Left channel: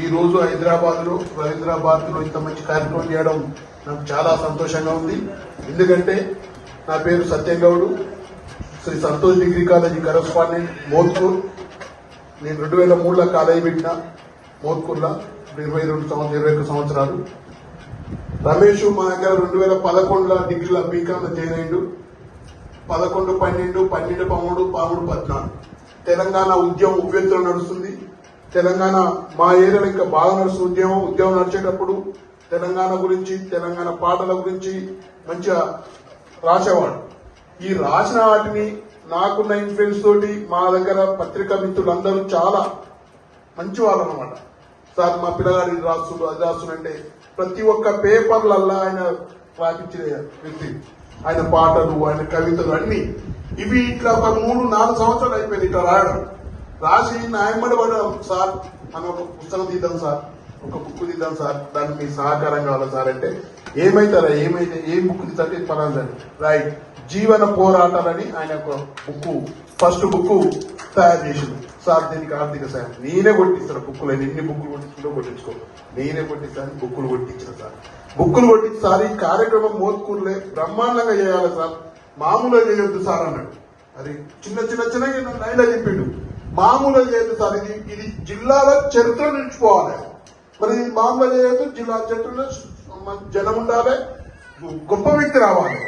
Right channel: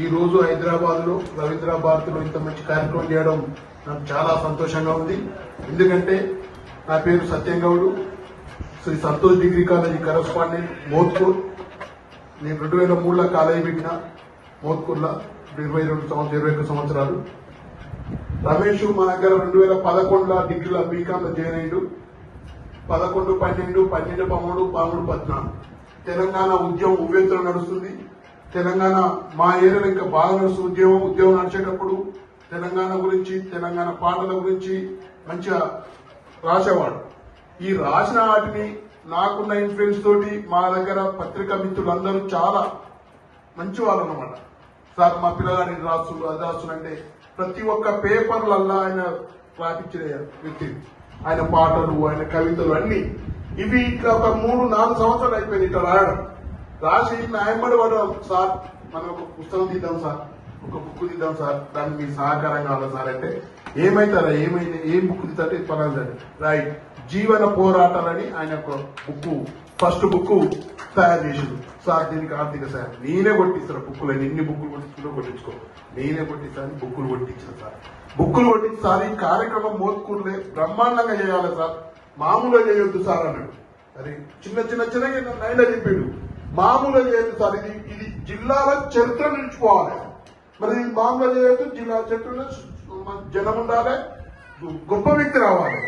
ఈ రోజు హైదరాబాద్లో రవీంద్ర ఇంత మంచి కార్యక్రమం చేయడం నాకు చాలా సంతోషంగా ఉంది. ఎందుకంటే నా పేరు Satyam Goud. Shri Santosh degree college correspondent Mothkur. నేను రెండు వేల మూడులో కాలేజీ పెట్టిన మోత్కూర్లో ఇరవై రెండు సంవత్సరం ఇరవై రెండు సంవత్సరాలు. రమేష్ మా దగ్గర రెండు వేల పదకొండులో డిగ్రీలో బీకామ్ జాయిన్ పదకొండు పన్నెండు పన్నెండు పదమూడు పదమూడు పద్నాలుగు. తెలంగాణ ఉద్యమం ఉవ్వెత్తున నడుస్తుంది. తెలంగాణ మా ఏరియాలో ఇంకా బాగా నడుస్తుంది. ఉద్యమం ఉద్యమం నడిచేటప్పుడు తెలంగాణ గురించి తెలంగాణ పాటల గురించి మంచిగా రాసేవాడు. ఈ రాసిన వాటిని నాకున్న ఇన్ఫ్లుయెన్స్ తోటి మా దగ్గర పత్రికా మిత్రులందరూ చాలా మంచి వాళ్ళు అన్నమాట. సార్ మా పిల్లగాడి రాస్తున్నారు అది రాస్తుందంటే ప్రతి ఒక్క పేపర్లల్లా ఆయన రాపించిన వ్యక్తి. ఆయన పాటలు ఆయన కవితలు అన్ని. ఇవి ఇట్లా ఒక మూడు నాలుగు సంవత్సరాలు అయిపోయింది ఇట్లా రాయడం. రాసి నాయమ్మడి వాడు సార్. మనం ఒక పుస్తకం తీద్దాం సార్. ఒక బుక్ తీద్దాం సార్. దానికి మీకు సహకారం కావాలి సార్ అంటే ఏమైతారా ఏమైతే ఏం బుక్ తీస్తే పలానా రైట్ జీవన పోరాటాలని ఆయన ఒక బుక్ ఫస్ట్ బుక్ తయారు చేసింది సార్ దీనికి ఆర్థిక సాయం నేనే కొట్టిస్తాను బుక్కులు ఎన్ని బుక్కులు కొట్టించుకుంటూ కొట్టించుకో నేనే కొట్టిస్తాను బుక్కులు కొట్టించాను సార్. బుక్కులు కొట్టించి సార్ ఈ కార్యక్రమం మోసుకుంటే బ్రహ్మాండంగా చేయాలి సార్? మామూలుగా చేయొద్దు సార్ అన్నాడు. అది చిన్న చిన్న చిన్న ఆయన చెప్పిండు. మామూలు లేదు సార్ ఇది ఇది జిల్లాలో చరిత్ర నిలుచుకోవాలి. మరి మామూలు లేదు జిల్లా చరిత్రలో జనం ఉండాలి. గొప్ప వ్యక్తి రావాలి.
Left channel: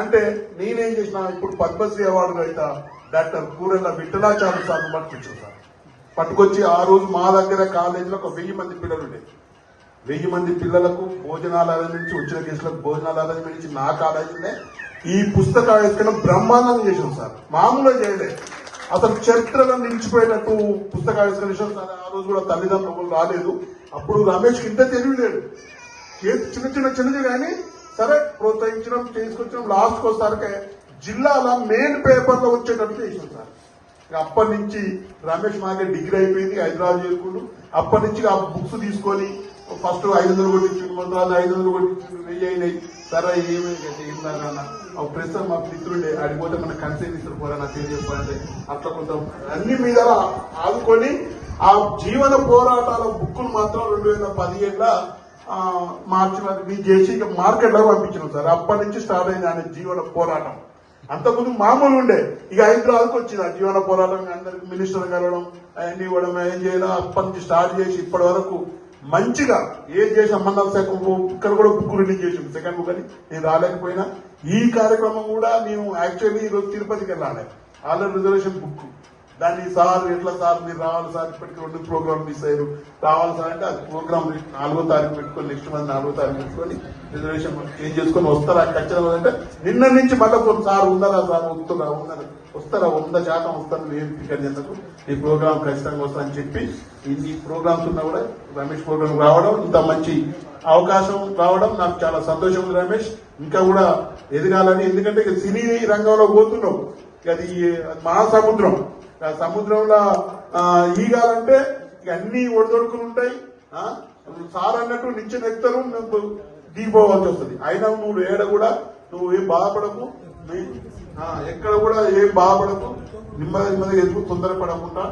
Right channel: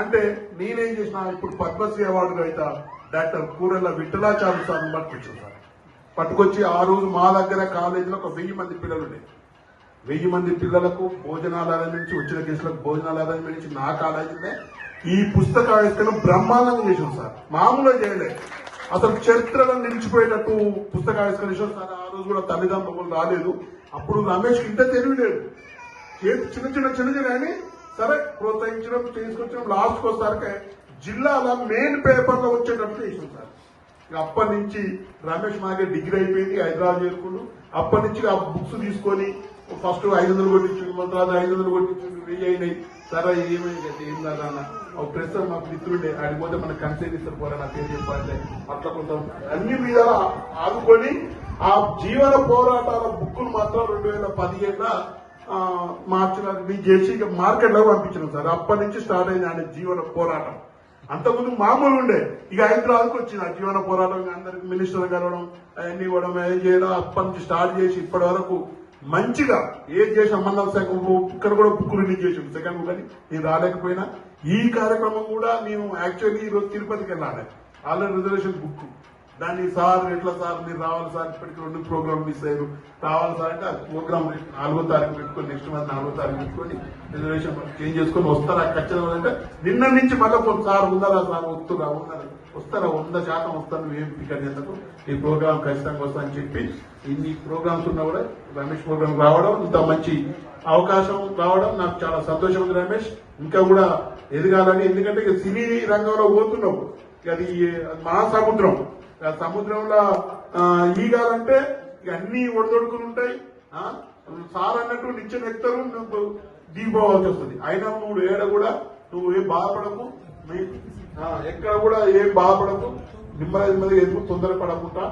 అంటే నేనేం చేసిన ఇప్పుడు పద్మశ్రీ అవార్డు అయితే డాక్టర్ కూరెల్ల విఠలాచార్య సార్ పట్టుకొచ్చింది పట్టుకొచ్చి ఆ రోజు మా దగ్గర కాలేజీలో ఒక వెయ్యి మంది పిల్లలు ఉండేది వెయ్యి మంది పిల్లలకు భోజనాలు నుంచి వచ్చిన తీసుకొని భోజనాలు నుంచి నా కాలేజీనే ఈ పుస్తక ఆవిష్కరణ బ్రహ్మాండంగా చేసాం సార్ మామూలుగా చేయలేదు. అసలు చరిత్రను నిలిచిపోయినట్టు పుస్తక ఆవిష్కరణ ఆ రోజు కూడా తల్లిదండ్రులు రాలేదు. అప్పుడు రమేష్ ఇంత తెలియలేడు ఏది చిన్న చిన్న చిన్నది కానీ సరే ప్రోత్సహించడం తీసుకొచ్చిన లాస్ట్ వస్తారకే జిల్లాలో మెయిన్ పేపర్లో వచ్చేటట్టు తీసుకున్నారు అప్పటి నుంచి రమేష్ మాగే డిగ్రీ అయిపోయింది హైదరాబాద్ చేసుకుంటూ అప్పటి నుంచి ఆ బుక్స్ తీసుకొని ఫస్ట్ ఐదు వందలు కొట్టించి వందలు ఐదు వందలు కొట్టించి వెయ్యి అయినాయి. సరే ఏమైంది అంటే ఏం లేదన్న ఒక ప్రస్తుతం మా మిత్రుడే ఆడిపోతే మన కన్సైన్ ఇస్తారు పోరా నాకు ఏం చేస్తారంటే అట్లా కొంత అన్ని మీద ఆదుకొని ఆ జీవన పోరాటాల బుక్కులు మాత్రం రెండు వేల పదిహేడులో మార్చిన మీరు చేసి ఇక మార్కెట్లో పంపించిన సార్. అప్పటి నుంచి స్టార్ట్ అయింది ఆయన జీవన పోరాటం. అంతకుముందు మామూలు ఉండే. ఇక హైదరాబాద్కి వచ్చింది ఆ జీవన పోరాటం అందరికి మినిస్టర్ కలవడం అవన్నీ ఇవ్వడం ఏం చేయడం అప్పటి నుంచి స్టార్ట్ చేసి ఇప్పటి వరకు మంచిగా ఏ దేశ సంబంధాల శాఖ ఇక్కడ కూడా బుక్ రిలీజ్ చేసింది సెకండ్ బుక్ అని నేను రాలేకపోయినా. ఈ కార్యక్రమం కూడా మేము యాక్చువల్లీ ఈరోజు తిరుపతికి వెళ్ళాలి ఆల్రెడీ రిజర్వేషన్ బుక్ దాన్ని సార్ ఎట్లా సార్ మీరు రావాలి సార్ ఇప్పటికి రెండు ప్రోగ్రామ్ మిస్ అయ్యారు. రావాలి సార్ అంటే అది ప్రోగ్రామ్ నాలుగో తారీఖు పెట్టుకొని నెక్స్ట్ మంత్ నాలుగో తారీఖు పెట్టుకొని రిజర్వేషన్ ఏం చేసుకొని వస్తారా ఖచ్చితంగా అంటే నిన్న నుంచి మళ్ళీ సార్ ఉన్నారా సార్? వస్తున్నారా ఉన్నారా? వస్తారా? వంద శాతం వస్తారు మేము టికెట్ ఈ ప్రోగ్రామ్ ఖచ్చితంగా వస్తారని చెప్పి ఇన్ని ప్రోగ్రామ్స్ ఉన్నా కూడా రమేష్ ప్రోగ్రామ్ రావడం ఇంత మంచి అవకాశం రావడం నాకు చాలా సంతోషం రమేష్. ఇంకా కూడా ఎదగాలని ఎందుకంటే సినీ రంగంలో పోతున్నాం. అది మహాసముద్రం. ఆ సముద్రంలో ఈగాలంటే అన్ని ఒడిదొడుకులు ఉంటాయి. సార్ అన్నట్టు నిత్యం ఎక్కుతారు నువ్వు దిగిపోవాల్సి వస్తుంది. అయినా నువ్వు ఏడ కూడా నువ్వు ఏం బాధపడకు ఎక్కడ కూడా ఏం బాధపడకు. నెమ్మది నెమ్మదిగా ఎందుకు తొందరపడకుండా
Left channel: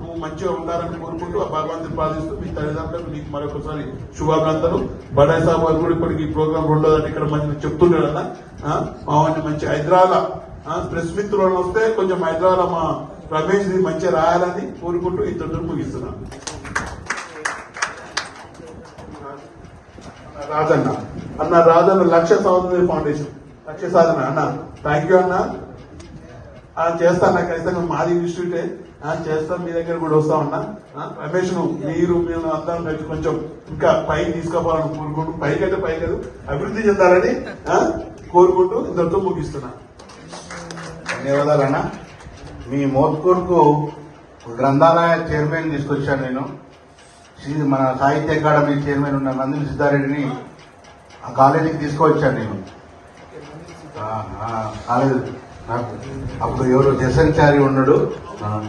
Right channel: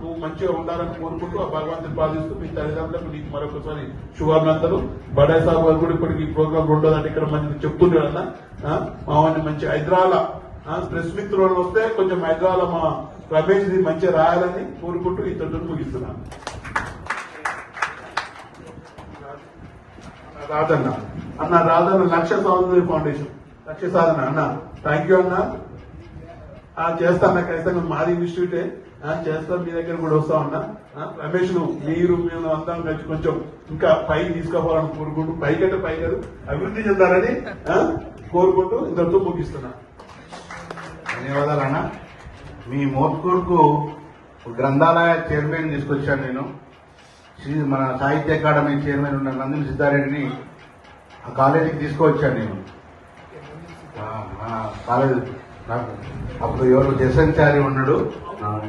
నువ్వు మంచిగా ఉండాలని కోరుకుంటూ ఆ భగవంతుని ప్రార్థిస్తూ మీ తల్లిదండ్రులకు మీకు మరొకసారి శుభాకాంక్షలు బడాయి సాబ్ కూడా ఇప్పటికి ఈ ప్రోగ్రామ్ ఉండదని ఇక్కడ మంది చెప్తున్నారు అన్న మామని మంచి హైదరాబాద్ ప్రెస్ మిత్రులు వస్తే కొంచెం హైదరాబాద్ మా రమేష్ మంచిగా రాయాలని కోరుకుంటూ ఇంతటితో ముగిస్తున్నాను. రాజన్న అన్న రాజన్న లక్ష సౌందర్య ఫౌండేషన్. లక్ష సాధన అన్న థ్యాంక్ యూ అన్న చేస్తాను నాకు అయితే నువ్వు మాది ఇన్స్టిట్యూటే. ఆ చేస్తాను మీ దగ్గర కూడా వస్తా ఉన్నా రమేష్ నువ్వు మీరు మేము అందరం పెట్టి కొంచెం ఇంకా పైకి తీసుకోవాలని కోరుకుంటూ పైకి అయితే పై కాదు అభివృద్ధి చెందాలని కోరుకుంటూ ఇద్దరితో ముగిస్తున్నా. ధన్యవాదాలన్న. మీ మోత్కూరుకు గ్రంథాలయ చైర్మన్ తీసుకొచ్చాను నేను. శ్రీ- మన సాహిత్య అకాడమీ చైర్మన్ ఉన్న నందు సిద్ధారెడ్డిని ఆ కాలేజీకి తీసుకువచ్చాను నేను. కాలేజీ నాకు అప్పుడు ఎవరు దశంచారి ఉన్నాడు. ఆ,